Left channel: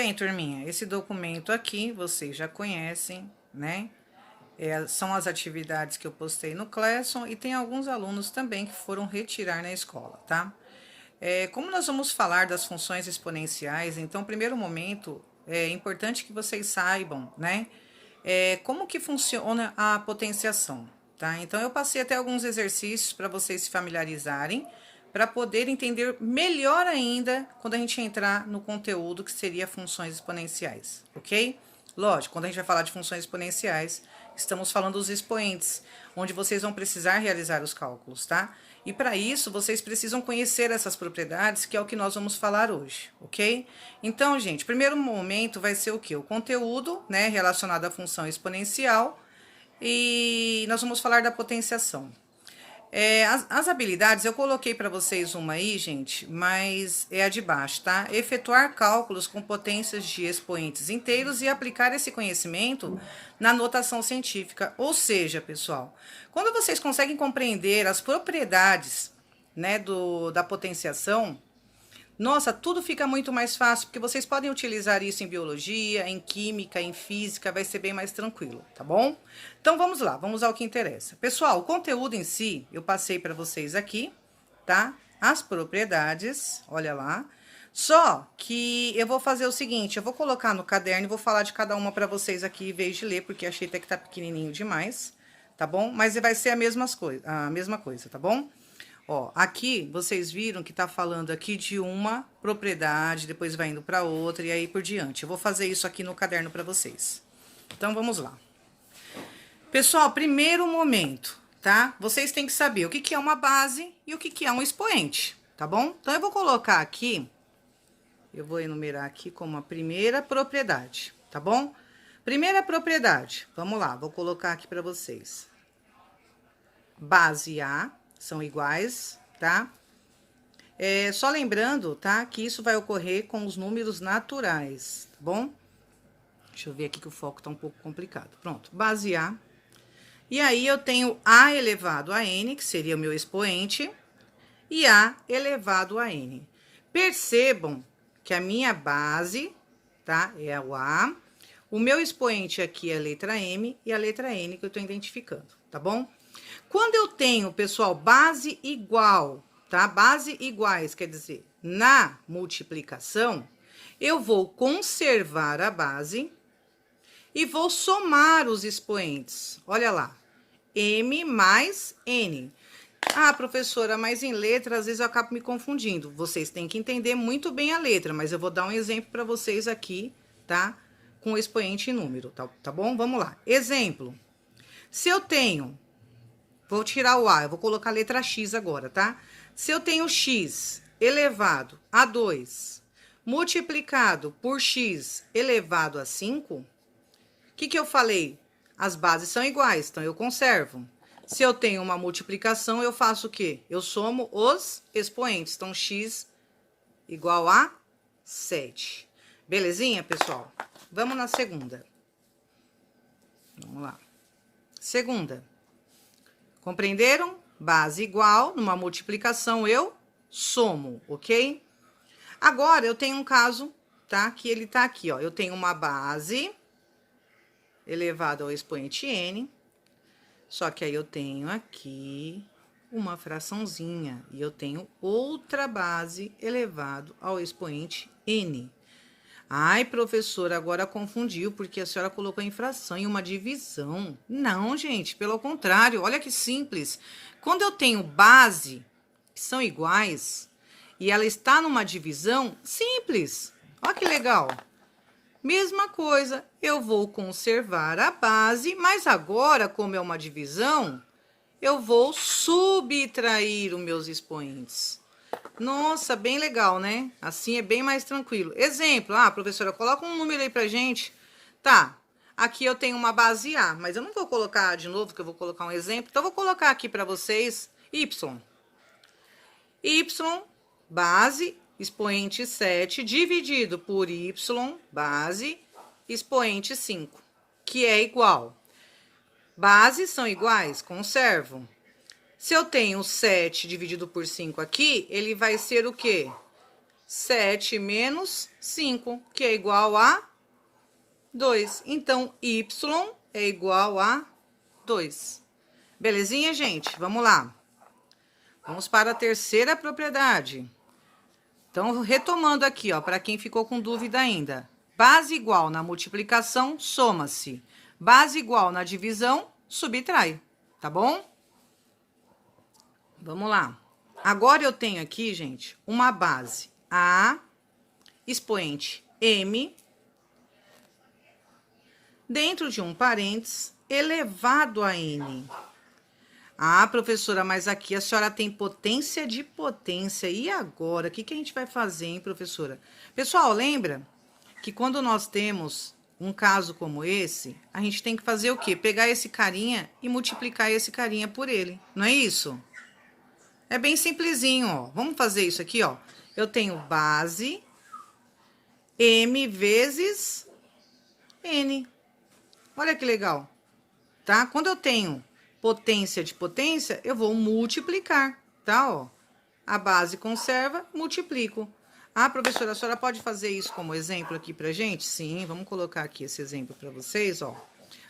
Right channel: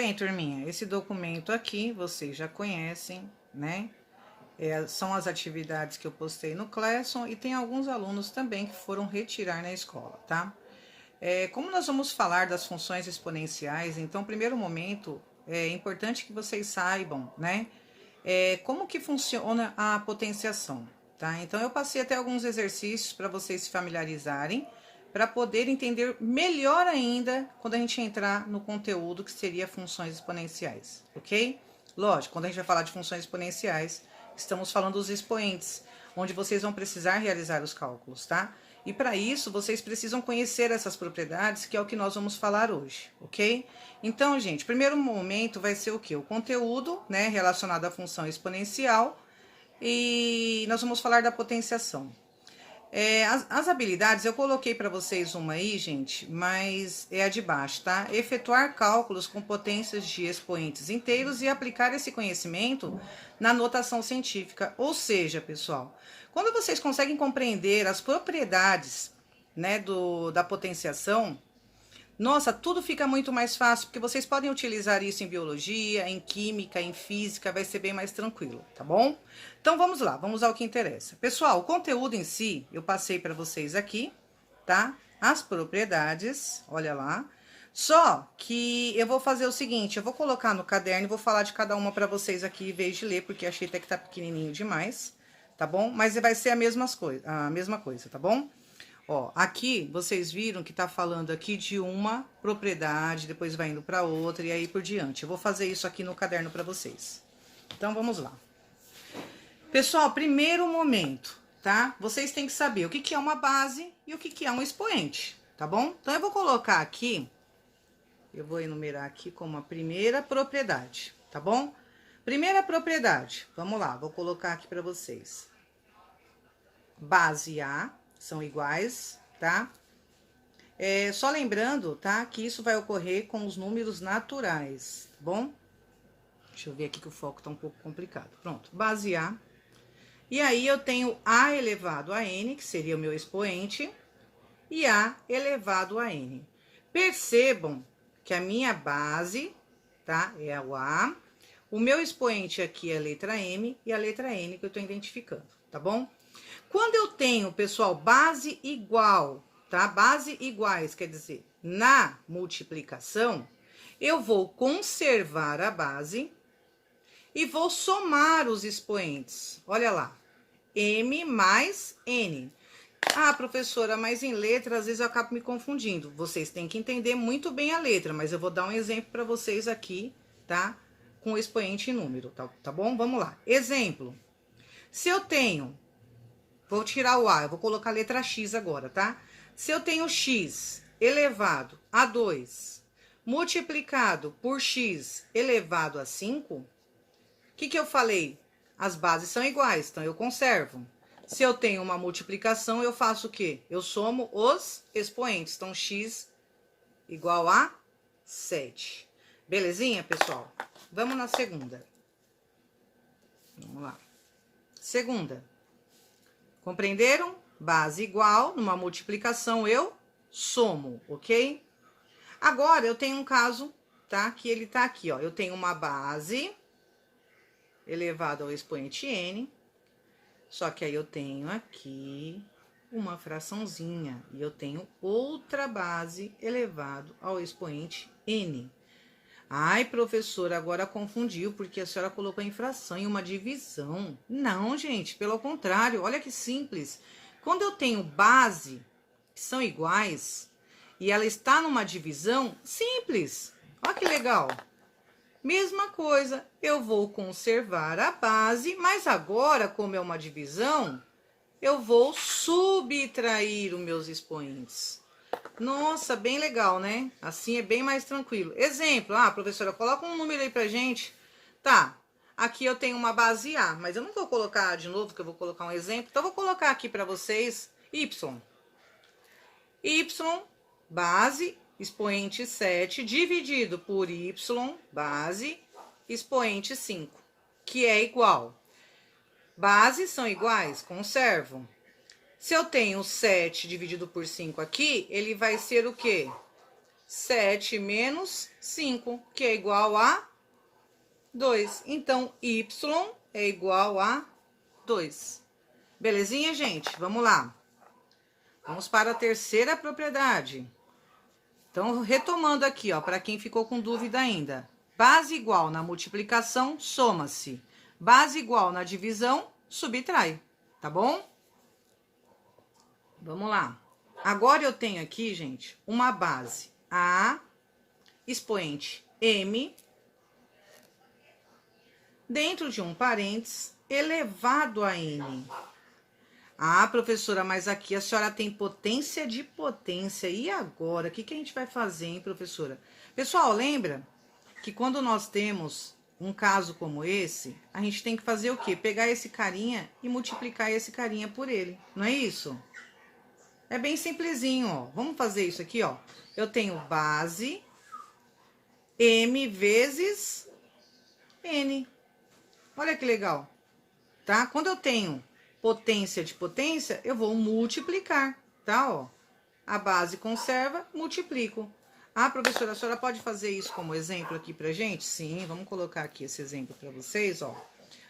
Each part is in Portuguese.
Bem, turminha, esse documento aqui vocês já conhecem, né? São as atividades que eu postei no Classroom e tem alguns alunos também que foram retirar na escola, tá? Como nós vamos falar das funções exponenciais, então, primeiro momento, é importante que vocês saibam, né? Como que funciona a potenciação, tá? Então, eu passei até alguns exercícios para vocês se familiarizarem, para poder entender melhor ainda quando a gente entrar no conteúdo que seria funções exponenciais, ok? Lógico, quando a gente vai falar de funções exponenciais, estamos falando dos expoentes, onde vocês vão precisar realizar os cálculos, tá? E para isso, vocês precisam conhecer essas propriedades, que é o que nós vamos falar hoje, ok? Então, gente, primeiro momento vai ser o quê? O conteúdo, né, relacionado à função exponencial, e nós vamos falar da potenciação. As habilidades, eu coloquei para vocês uma aí, gente, mas é a de baixo, tá? Efetuar cálculos com potências de expoentes inteiros e aplicar esse conhecimento na notação científica. Ou seja, pessoal, quando vocês conseguem compreender as propriedades, né, da potenciação, nossa, tudo fica muito mais fácil, porque vocês podem utilizar isso em biologia, em química, em física, vai ser bem mais tranquilo, tá bom? Então vamos lá, vamos ao que interessa. Pessoal, o conteúdo em si, eu passei para vocês aqui, tá? As propriedades, olha lá. Só que eu vou fazer o seguinte, eu vou colocar no caderno e vou falar de cada uma para vocês aqui, em vez de ler, porque achei até que tá pequenininho demais, tá bom? Mas vai ser a mesma coisa, tá bom? Ó, aqui vocês viram que tá falando aqui de uma propriedade, depois vai indo para outra e aí por diante. Eu vou fazer isso aqui no caderno para vocês. Então, vamos lá. Pessoal, primeiro momento, tá? Vocês têm que saber o que que é uma base e o que que é um expoente, tá bom? Então, eu vou colocar aqui, eu vou enumerar aqui como a primeira propriedade, tá bom? Primeira propriedade, vamos lá, vou colocar aqui para vocês. Base A são iguais, tá? Só lembrando, tá, que isso vai ocorrer com os números naturais, tá bom? Deixa eu ver aqui que o foco tá um pouco complicado. Pronto, base A. E aí, eu tenho A elevado a N, que seria o meu expoente, e A elevado a N. Percebam que a minha base, tá, é o A. O meu expoente aqui é a letra M e a letra N que eu tô identificando, tá bom? Quando eu tenho, pessoal, base igual, tá? Base iguais, quer dizer, na multiplicação, eu vou conservar a base e vou somar os expoentes. Olha lá, M mais N. Ah, professora, mas em letra, às vezes eu acabo me confundindo. Vocês têm que entender muito bem a letra, mas eu vou dar um exemplo para vocês aqui, tá? Com o expoente e número, tá bom? Vamos lá. Exemplo. Se eu tenho... Vou tirar o A, eu vou colocar a letra X agora, tá? Se eu tenho X elevado a 2 multiplicado por X elevado a 5, o que eu falei? As bases são iguais, então eu conservo. Se eu tenho uma multiplicação, eu faço o quê? Eu somo os expoentes. Então, X igual a 7. Belezinha, pessoal? Vamos na segunda. Vamos lá. Segunda. Compreenderam? Base igual, numa multiplicação eu somo, ok? Agora, eu tenho um caso, tá? Que ele tá aqui, ó. Eu tenho uma base elevado ao expoente N, só que aí eu tenho aqui uma fraçãozinha, e eu tenho outra base elevado ao expoente N. Ai, professora, agora confundiu, porque a senhora colocou em fração, em uma divisão. Não, gente, pelo contrário, olha que simples. Quando eu tenho base, que são iguais, e ela está numa divisão, simples. Olha que legal. Mesma coisa, eu vou conservar a base, mas agora, como é uma divisão, eu vou subtrair os meus expoentes. Nossa, bem legal, né? Assim é bem mais tranquilo. Exemplo, professora, coloca um número aí pra gente. Tá, aqui eu tenho uma base A, mas eu não vou colocar de novo, que eu vou colocar um exemplo. Então, eu vou colocar aqui pra vocês Y. Y, base, expoente 7, dividido por Y, base, expoente 5, que é igual. Bases são iguais, conservo. Se eu tenho 7 dividido por 5 aqui, ele vai ser o quê? 7 menos 5, que é igual a 2. Então, y é igual a 2. Belezinha, gente? Vamos lá. Vamos para a terceira propriedade. Então, retomando aqui, ó, para quem ficou com dúvida ainda. Base igual na multiplicação, soma-se. Base igual na divisão, subtrai. Tá bom? Vamos lá. Agora eu tenho aqui, gente, uma base A, expoente M, dentro de um parênteses, elevado a N. Ah, professora, mas aqui a senhora tem potência de potência. E agora? O que a gente vai fazer, hein, professora? Pessoal, lembra que quando nós temos um caso como esse, a gente tem que fazer o quê? Pegar esse carinha e multiplicar esse carinha por ele. Não é isso? É bem simplesinho, ó. Vamos fazer isso aqui, ó. Eu tenho base M vezes N. Olha que legal, tá? Quando eu tenho potência de potência, eu vou multiplicar, tá? Ó, a base conserva, multiplico. Ah, professora, a senhora pode fazer isso como exemplo aqui pra gente? Sim, vamos colocar aqui esse exemplo pra vocês, ó.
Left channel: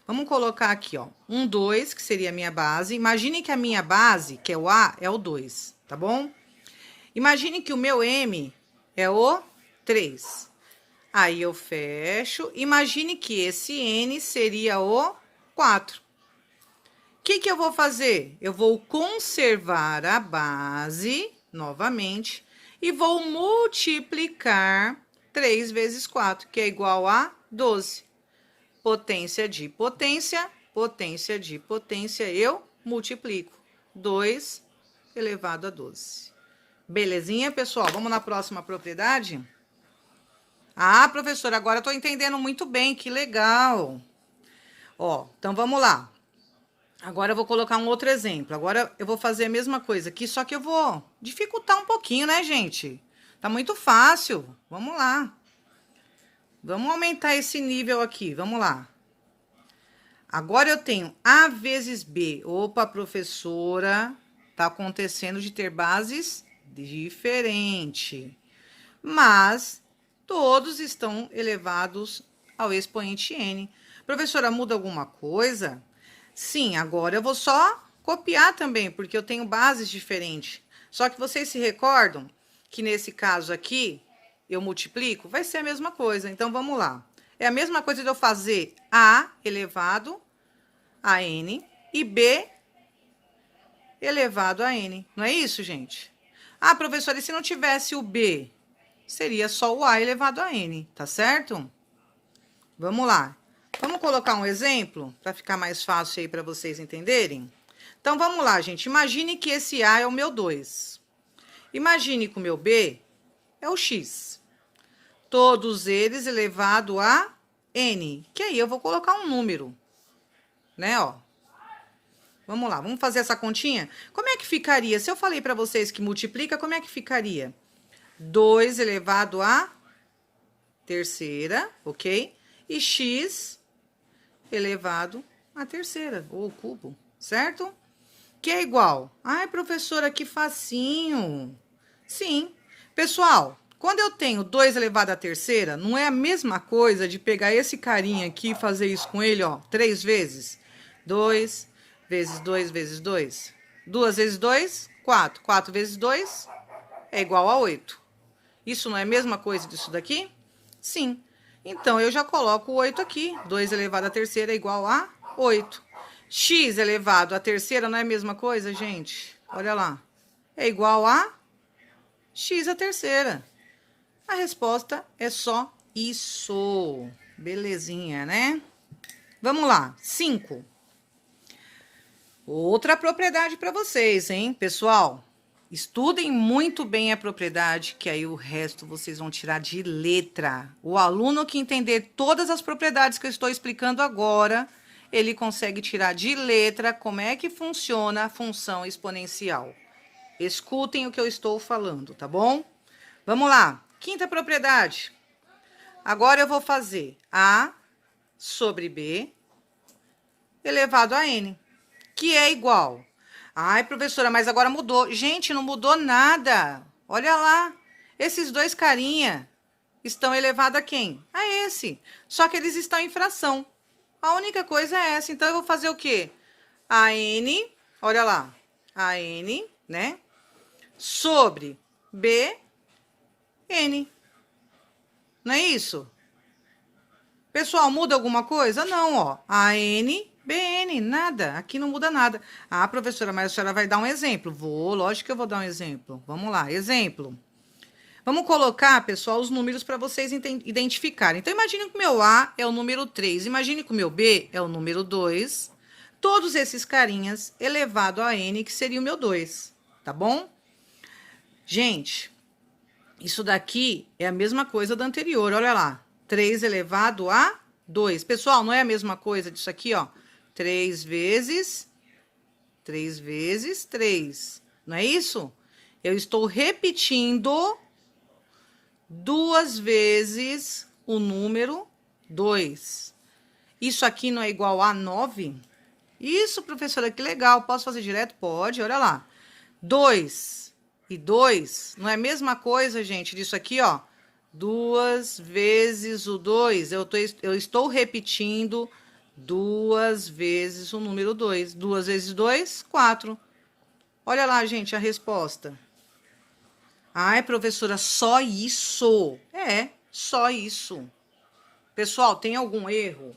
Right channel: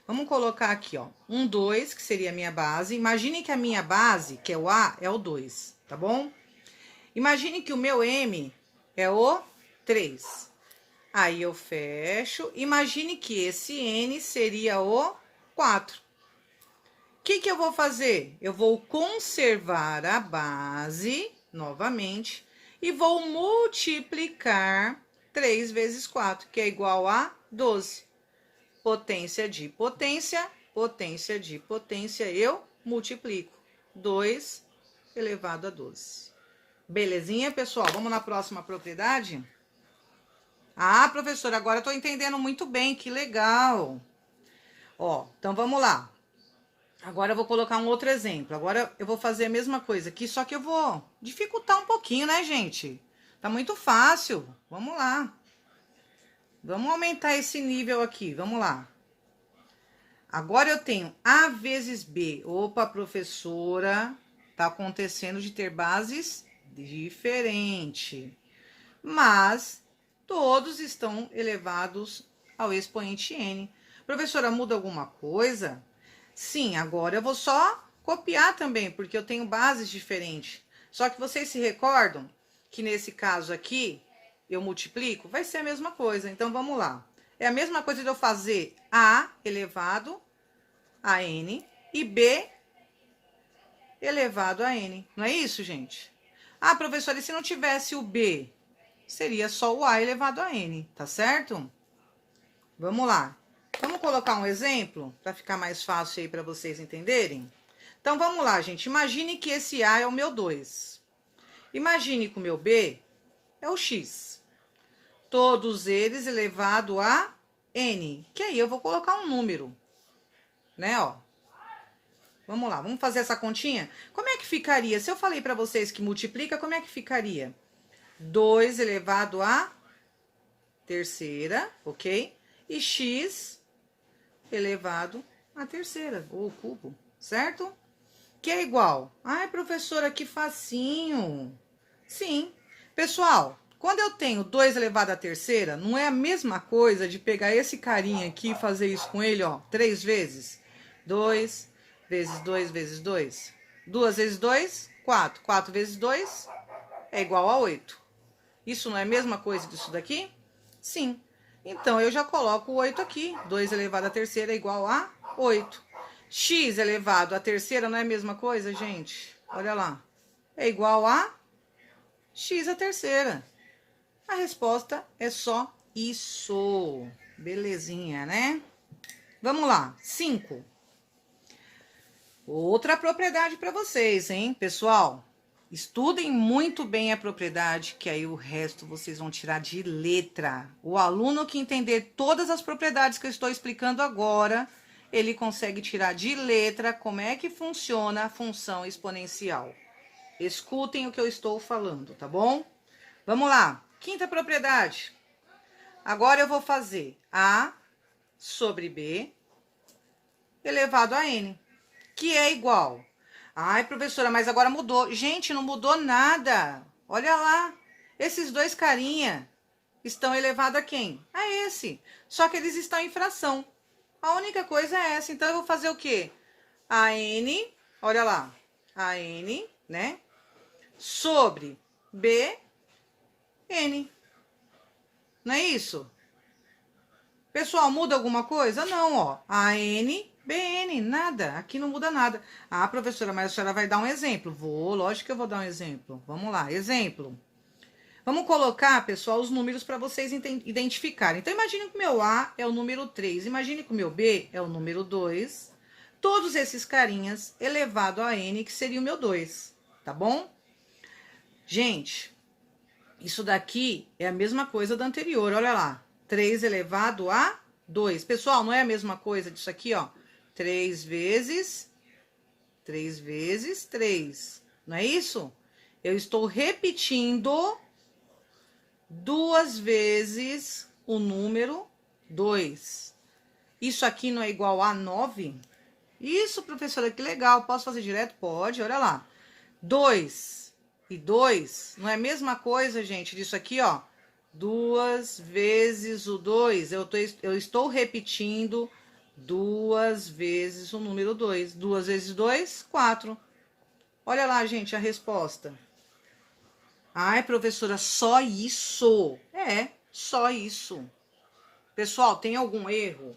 Vamos colocar aqui, ó, 2, que seria a minha base. Imagine que a minha base, que é o A, é o 2, tá bom? Imagine que o meu M é o 3. Aí eu fecho. Imagine que esse N seria o 4. O que eu vou fazer? Eu vou conservar a base, novamente, e vou multiplicar 3 vezes 4, que é igual a 12. Potência de potência, potência de potência, eu multiplico. 2 elevado a 12. Belezinha, pessoal? Vamos na próxima propriedade? Ah, professora, agora eu tô entendendo muito bem, que legal. Ó, então vamos lá. Agora eu vou colocar um outro exemplo. Agora eu vou fazer a mesma coisa aqui, só que eu vou dificultar um pouquinho, né, gente? Tá muito fácil. Vamos lá. Vamos aumentar esse nível aqui. Vamos lá. Agora eu tenho A vezes B. Opa, professora, tá acontecendo de ter bases diferentes. Mas todos estão elevados ao expoente n. Professora, muda alguma coisa? Sim, agora eu vou só copiar também, porque eu tenho bases diferentes. Só que vocês se recordam que nesse caso aqui, eu multiplico? Vai ser a mesma coisa. Então, vamos lá. É a mesma coisa de eu fazer A elevado a N e B elevado a N. Não é isso, gente? Ah, professora, e se não tivesse o B? Seria só o A elevado a N, tá certo? Vamos lá. Vamos colocar um exemplo para ficar mais fácil aí para vocês entenderem? Então, vamos lá, gente. Imagine que esse A é o meu 2. Imagine que o meu B é o X. Todos eles elevado a N. Que aí eu vou colocar um número, né, ó. Vamos lá, vamos fazer essa continha? Como é que ficaria? Se eu falei para vocês que multiplica, como é que ficaria? 2 elevado a terceira, ok? E x elevado à terceira, ou cubo, certo? Que é igual. Ai, professora, que facinho. Sim. Pessoal, quando eu tenho 2 elevado à terceira, não é a mesma coisa de pegar esse carinha aqui e fazer isso com ele, ó, 3 vezes. 2 vezes 2 vezes 2. 2 vezes 2, 4. 4 vezes 2 é igual a 8. Isso não é a mesma coisa disso daqui? Sim. Então, eu já coloco o 8 aqui. 2 elevado à terceira é igual a 8. X elevado à terceira não é a mesma coisa, gente? Olha lá. É igual a x à terceira. A resposta é só isso. Belezinha, né? Vamos lá. 5. Outra propriedade para vocês, hein, pessoal? Estudem muito bem a propriedade, que aí o resto vocês vão tirar de letra. O aluno que entender todas as propriedades que eu estou explicando agora, ele consegue tirar de letra como é que funciona a função exponencial. Escutem o que eu estou falando, tá bom? Vamos lá. Quinta propriedade. Agora eu vou fazer A sobre B elevado a N, que é igual. Ai, professora, mas agora mudou. Gente, não mudou nada. Olha lá. Esses dois carinha estão elevados a quem? A esse. Só que eles estão em fração. A única coisa é essa. Então, eu vou fazer o quê? A N, olha lá. A N, né? Sobre B, N. Não é isso? Pessoal, muda alguma coisa? Não, ó. A N, B, N, nada. Aqui não muda nada. Ah, professora, mas a senhora vai dar um exemplo. Vou, lógico que eu vou dar um exemplo. Vamos lá, exemplo. Vamos colocar, pessoal, os números para vocês identificarem. Então, imagine que o meu A é o número 3. Imagine que o meu B é o número 2. Todos esses carinhas elevado a N, que seria o meu 2. Tá bom? Gente, isso daqui é a mesma coisa da anterior. Olha lá. 3 elevado a 2. Pessoal, não é a mesma coisa disso aqui, ó. 3 vezes 3. Não é isso? Eu estou repetindo 2 vezes o número 2. Isso aqui não é igual a 9? Isso, professora, que legal. Posso fazer direto? Pode, olha lá. 2 e 2 não é a mesma coisa, gente, disso aqui, ó. 2 vezes o 2. Eu estou repetindo 2 vezes o número 2. 2 vezes 2, 4. Olha lá, gente, a resposta. Ai, professora, só isso? É, só isso. Pessoal, tem algum erro?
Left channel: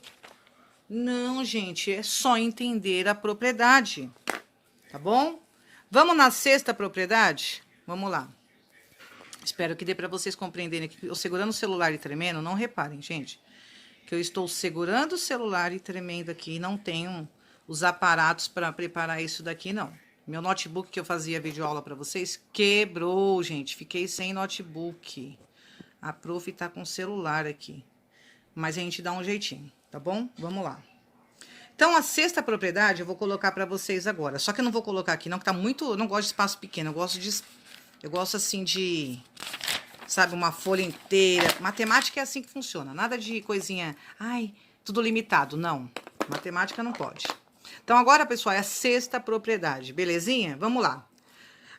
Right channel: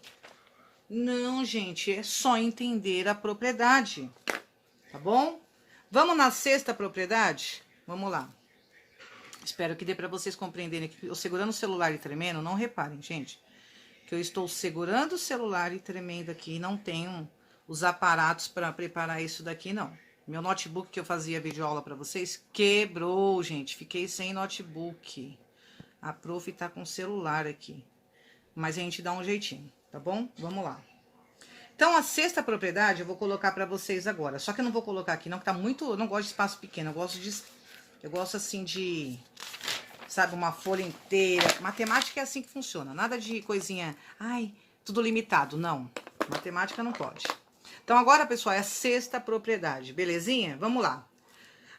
Não, gente, é só entender a propriedade, tá bom? Vamos na sexta propriedade? Vamos lá. Espero que dê para vocês compreenderem que eu segurando o celular e tremendo, não reparem, gente, que eu estou segurando o celular e tremendo aqui, não tenho os aparatos para preparar isso daqui, não. Meu notebook que eu fazia videoaula para vocês quebrou, gente, fiquei sem notebook. A prof tá com o celular aqui, mas a gente dá um jeitinho, tá bom? Vamos lá. Então, a sexta propriedade eu vou colocar para vocês agora, só que eu não vou colocar aqui não, que tá muito, eu não gosto de espaço pequeno, eu gosto assim de, sabe, uma folha inteira. Matemática é assim que funciona. Nada de coisinha, ai, tudo limitado. Não, matemática não pode. Então, agora, pessoal, é a sexta propriedade. Belezinha? Vamos lá.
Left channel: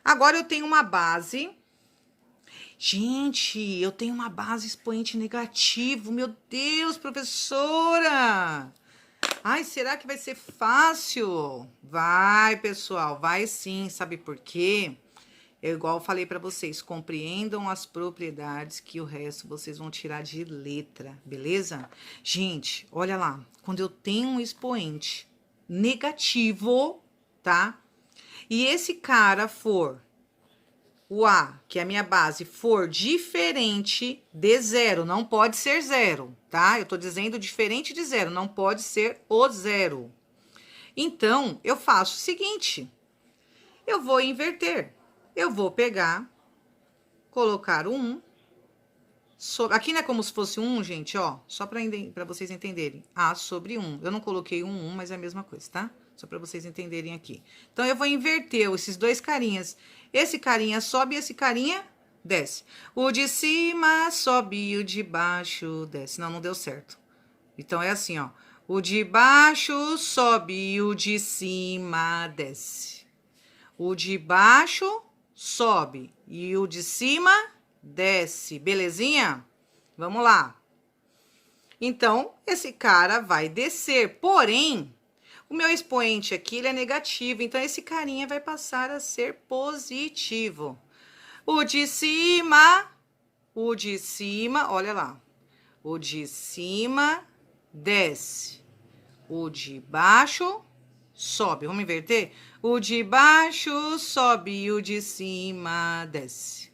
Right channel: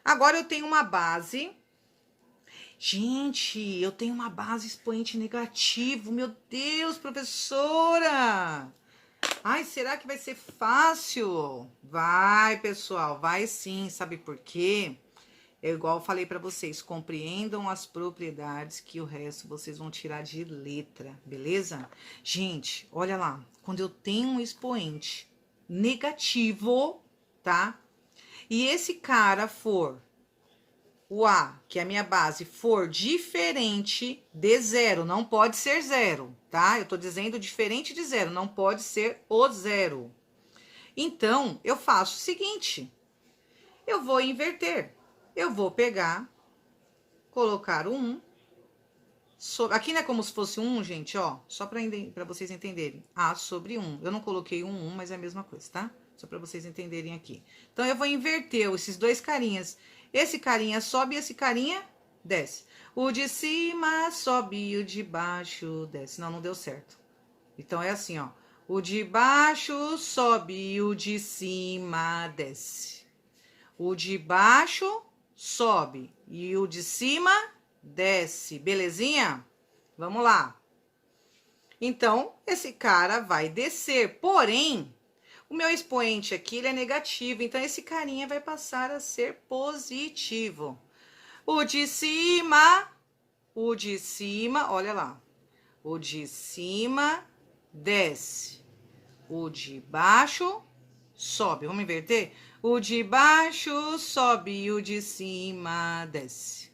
Agora, eu tenho uma base. Gente, eu tenho uma base expoente negativo. Meu Deus, professora! Ai, será que vai ser fácil? Vai, pessoal, vai sim. Sabe por quê? Eu igual falei para vocês, compreendam as propriedades que o resto vocês vão tirar de letra, beleza? Gente, olha lá, quando eu tenho um expoente negativo, tá? E esse cara for, o A, que é a minha base, for diferente de zero, não pode ser zero, tá? Eu tô dizendo diferente de zero, não pode ser o zero. Então, eu faço o seguinte, eu vou inverter. Eu vou pegar, colocar o 1. Aqui não é como se fosse 1, gente, ó. Só para vocês entenderem. A sobre 1. Eu não coloquei um 1, mas é a mesma coisa, tá? Só para vocês entenderem aqui. Então, eu vou inverter esses dois carinhas. Esse carinha sobe e esse carinha desce. O de cima sobe e o de baixo desce. Não, não deu certo. Então, é assim, ó. O de baixo sobe e o de cima desce. O de baixo sobe e o de cima desce, belezinha? Vamos lá. Então, esse cara vai descer, porém, o meu expoente aqui, ele é negativo, então esse carinha vai passar a ser positivo. O de cima, olha lá, o de cima desce, o de baixo sobe, vamos inverter? O de baixo sobe e o de cima desce.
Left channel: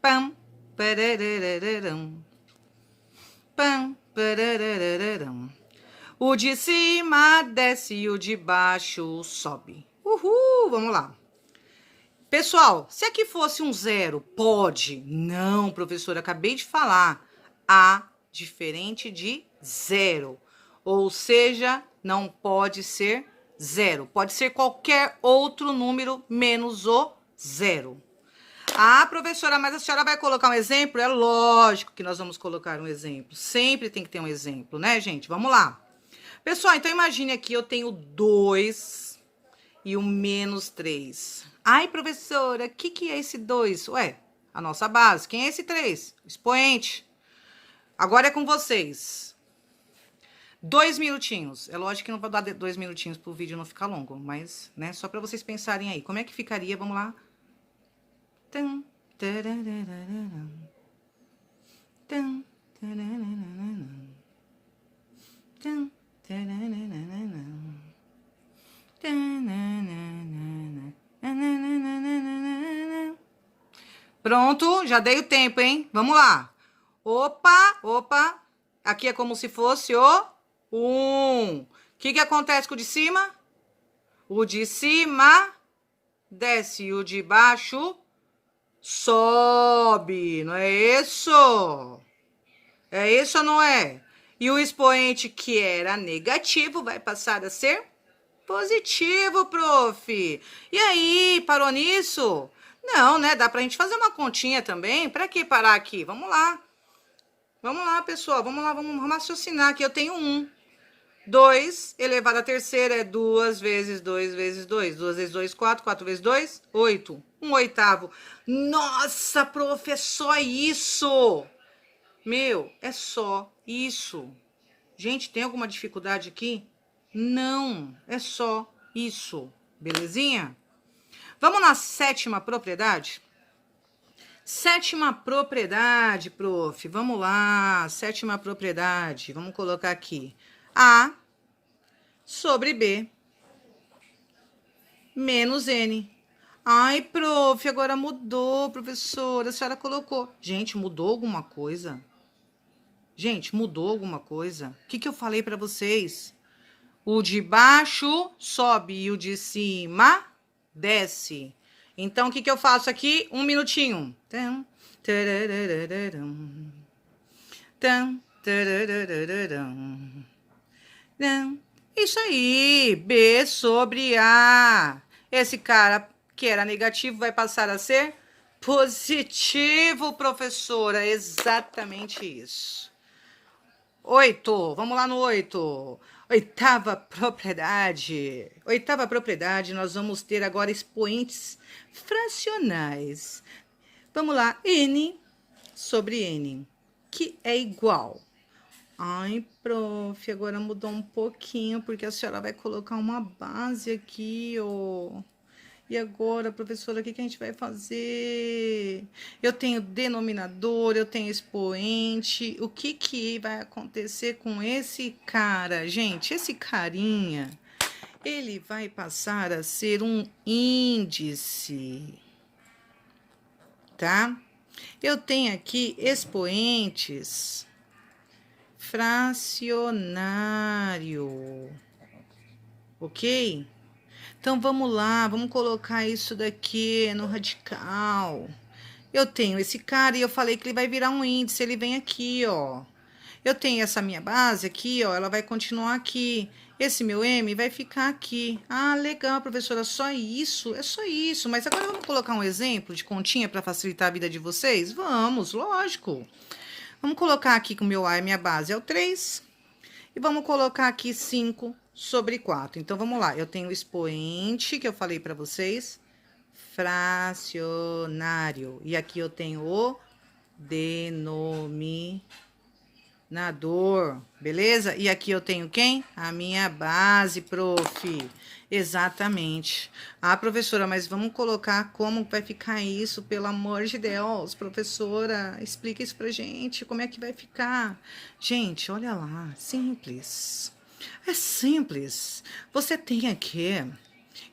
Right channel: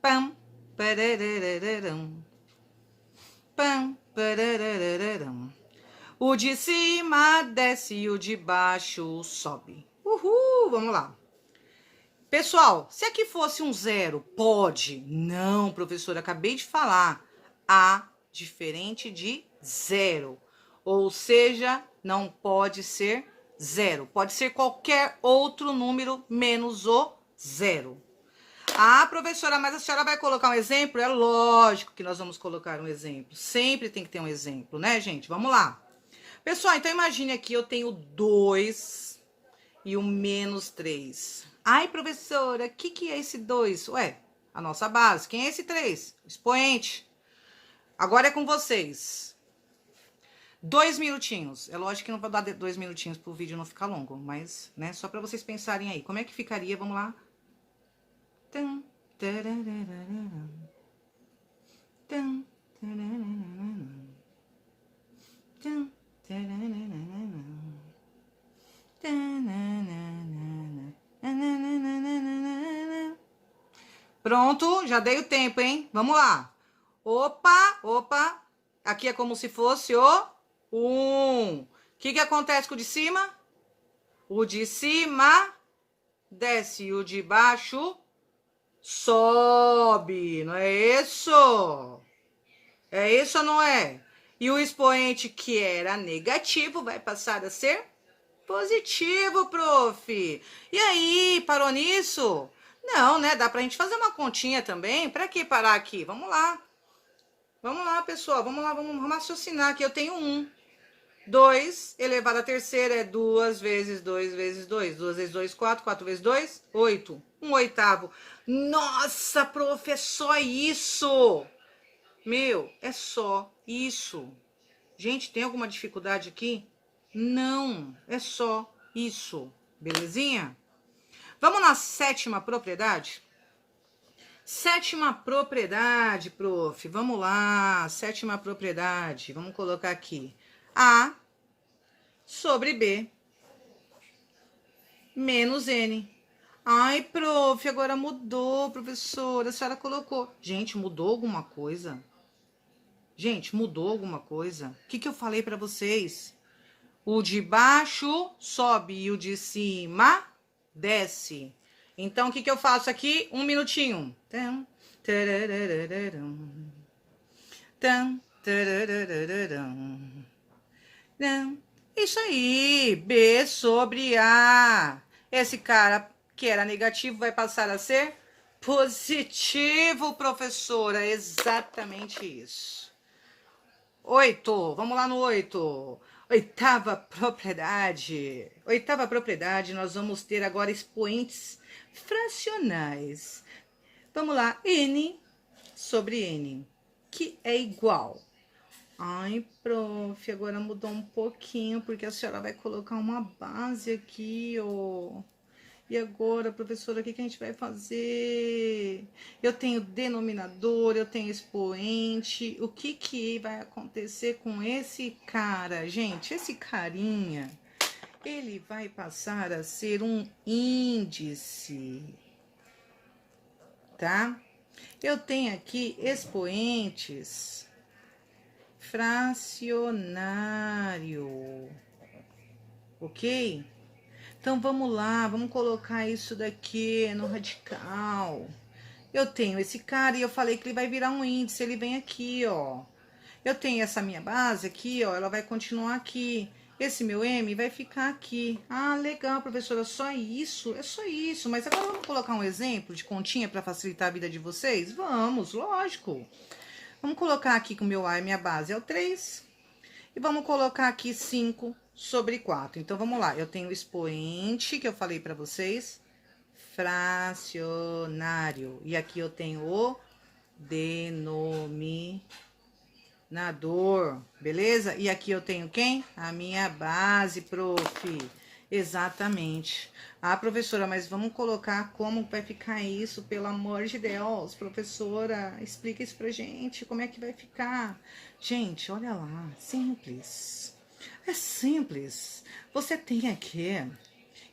Pam, pararararam. Pam, pararararam. O de cima desce e o de baixo sobe. Uhul, vamos lá. Pessoal, se aqui fosse um zero, pode? Não, professora, acabei de falar. A diferente de zero. Ou seja, não pode ser zero. Pode ser qualquer outro número menos o zero. Ah, professora, mas a senhora vai colocar um exemplo? É lógico que nós vamos colocar um exemplo. Sempre tem que ter um exemplo, né, gente? Vamos lá. Pessoal, então imagine aqui, eu tenho 2 e o menos 3. Ai, professora, o que é esse 2? Ué, a nossa base. Quem é esse 3? Expoente. Agora é com vocês. 2 minutinhos. É lógico que não vou dar 2 minutinhos pro vídeo não ficar longo, mas, né, só para vocês pensarem aí. Como é que ficaria? Vamos lá. Tum, tararararam. Tum, tararararam. Tum, tararararam. Pronto, já dei o tempo, hein? Vamos lá. Opa, opa. Aqui é como se fosse o 1. O que acontece com o de cima? O de cima desce e o de baixo sobe. Não é isso? É isso ou não é? E o expoente que era negativo vai passar a ser positivo, prof. E aí, parou nisso? Não, né? Dá pra gente fazer uma continha também. Pra que parar aqui? Vamos lá. Vamos lá, pessoal. Vamos lá, vamos raciocinar aqui. Eu tenho 1. 2 elevado à terceira é 2 vezes 2 vezes 2. 2 vezes 2, 4. 4 vezes 2, 8. 1/8. Nossa, prof, é só isso. Meu, é só isso. Gente, tem alguma dificuldade aqui? Não, é só isso. Belezinha? Vamos na 7ª propriedade? 7ª propriedade, prof. Vamos lá, 7ª propriedade. Vamos colocar aqui. A sobre B menos N. Ai, prof, agora mudou, professora. A senhora colocou. Gente, mudou alguma coisa? Gente, mudou alguma coisa? O que eu falei para vocês? O de baixo sobe e o de cima desce. Então, o que eu faço aqui? 1 minutinho. Isso aí. B sobre A. Esse cara que era negativo vai passar a ser positivo, professora. Exatamente isso. 8. Vamos lá no 8. 8ª propriedade. 8ª propriedade, nós vamos ter agora expoentes fracionais. Vamos lá, N sobre N, que é igual. Ai, prof, agora mudou um pouquinho, porque a senhora vai colocar uma base aqui, ó. E agora, professora, o que a gente vai fazer? Eu tenho denominador, eu tenho expoente. O que vai acontecer com esse cara? Gente, esse carinha, ele vai passar a ser um índice, tá? Eu tenho aqui expoentes fracionário, ok? Então, vamos lá, vamos colocar isso daqui no radical. Eu tenho esse cara e eu falei que ele vai virar um índice, ele vem aqui, ó. Eu tenho essa minha base aqui, ó, ela vai continuar aqui. Esse meu M vai ficar aqui. Ah, legal, professora, só isso? É só isso. Mas agora vamos colocar um exemplo de continha para facilitar a vida de vocês? Vamos, lógico. Vamos colocar aqui que o meu A e minha base é o 3. E vamos colocar aqui 5 sobre 4. Então, vamos lá. Eu tenho o expoente, que eu falei para vocês, fracionário. E aqui eu tenho o denominador, beleza? E aqui eu tenho quem? A minha base, prof. Exatamente. Ah, professora, mas vamos colocar como vai ficar isso, pelo amor de Deus. Professora, explica isso pra gente, como é que vai ficar? Gente, olha lá, simples. É simples. Você tem aqui,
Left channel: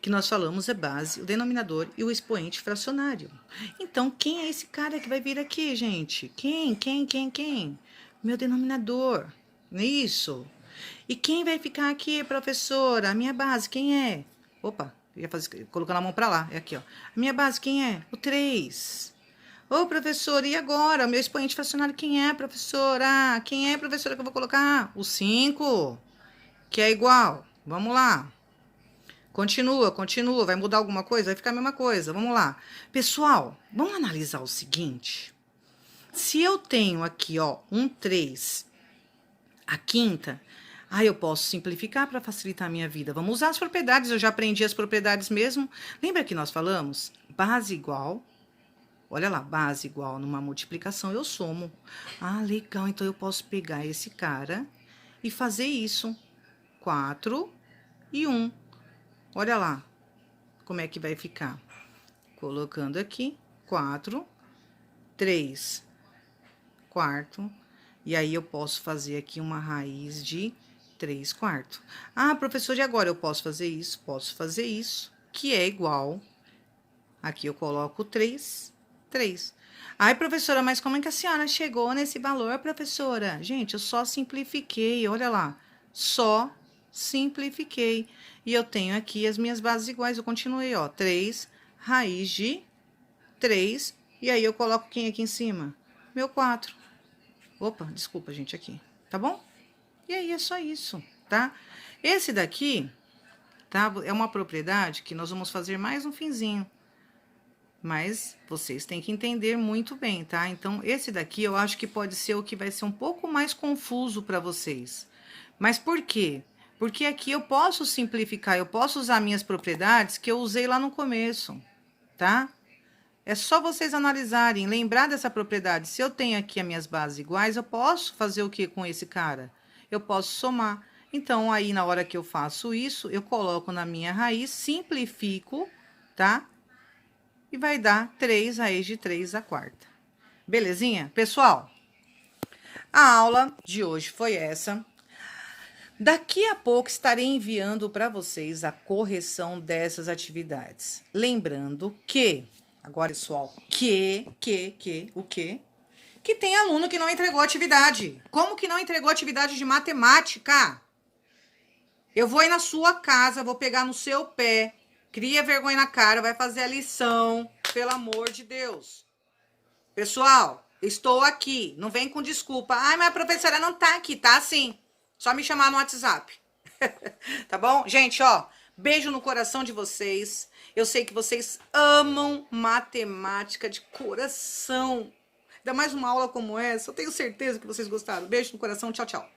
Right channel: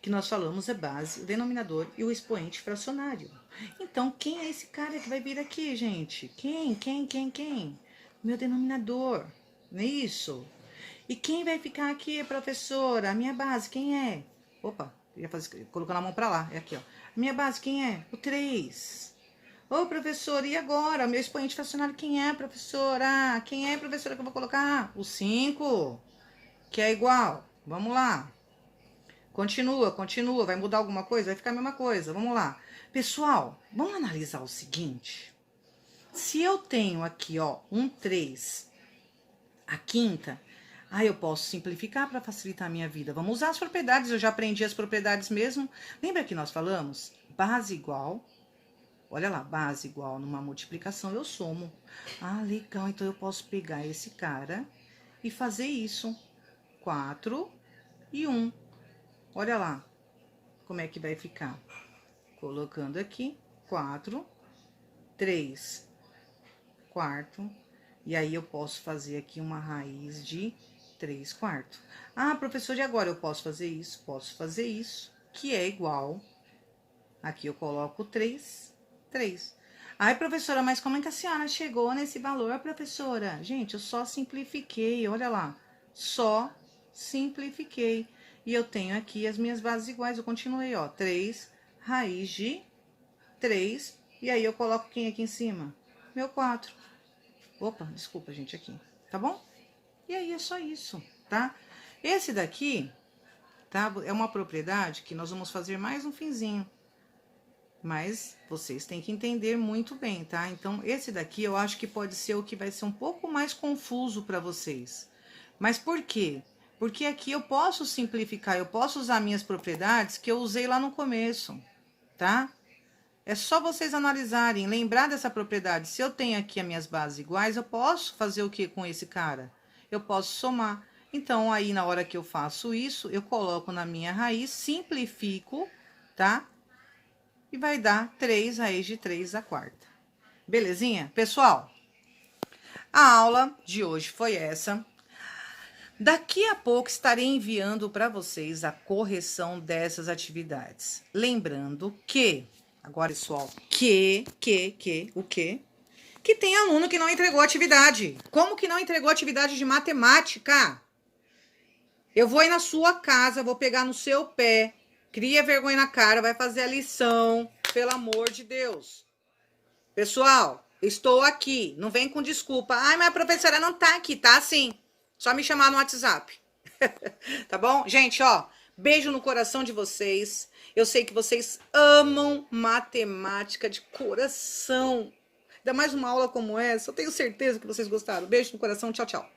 que nós falamos, é base, o denominador e o expoente fracionário. Então, quem é esse cara que vai vir aqui, gente? Quem? Meu denominador, não é isso? E quem vai ficar aqui, professora? A minha base, quem é? Opa, ia fazer, colocando a mão pra lá, é aqui, ó. A minha base, quem é? O 3. Ô, professora, e agora? O meu expoente fracionário, quem é, professora? Quem é, professora, que eu vou colocar? O 5, que é igual. Vamos lá. Continua, vai mudar alguma coisa? Vai ficar a mesma coisa, vamos lá. Pessoal, vamos analisar o seguinte. Se eu tenho aqui, ó, um 3, a quinta, eu posso simplificar para facilitar a minha vida. Vamos usar as propriedades, eu já aprendi as propriedades mesmo. Lembra que nós falamos? Base igual Olha lá, base igual numa multiplicação, eu somo. Ah, legal, então eu posso pegar esse cara e fazer isso. 4 e 1. Olha lá como é que vai ficar. Colocando aqui, 4, 3 quarto. E aí, eu posso fazer aqui uma raiz de 3 quartos. Ah, professor, e agora eu posso fazer isso? Posso fazer isso, que é igual. Aqui eu coloco 3, 3. Ai, professora, mas como é que a senhora chegou nesse valor, professora? Gente, eu só simplifiquei, olha lá. Só simplifiquei. E eu tenho aqui as minhas bases iguais. Eu continuei, ó. 3, raiz de 3. E aí, eu coloco quem aqui em cima? Meu 4. Opa, desculpa, gente, aqui. Tá bom? E aí, é só isso, tá? Esse daqui, tá? É uma propriedade que nós vamos fazer mais no finzinho. Mas vocês têm que entender muito bem, tá? Então, esse daqui eu acho que pode ser o que vai ser um pouco mais confuso para vocês. Mas por quê? Porque aqui eu posso simplificar, eu posso usar minhas propriedades que eu usei lá no começo, tá? É só vocês analisarem, lembrar dessa propriedade. Se eu tenho aqui as minhas bases iguais, eu posso fazer o que com esse cara? Eu posso somar. Então, aí, na hora que eu faço isso, eu coloco na minha raiz, simplifico, tá? E vai dar 3 raiz de 3 à quarta. Belezinha? Pessoal, a aula de hoje foi essa. Daqui a pouco estarei enviando para vocês a correção dessas atividades. Lembrando que, agora, pessoal, o quê? Que tem aluno que não entregou atividade. Como que não entregou atividade de matemática? Eu vou ir na sua casa, vou pegar no seu pé, cria vergonha na cara, vai fazer a lição, pelo amor de Deus. Pessoal, estou aqui, não vem com desculpa. Ai, mas a professora não tá aqui, tá sim. Só me chamar no WhatsApp. Tá bom? Gente, ó, beijo no coração de vocês. Eu sei que vocês amam matemática de coração. Ainda mais uma aula como essa, eu tenho certeza que vocês gostaram. Beijo no coração, tchau, tchau.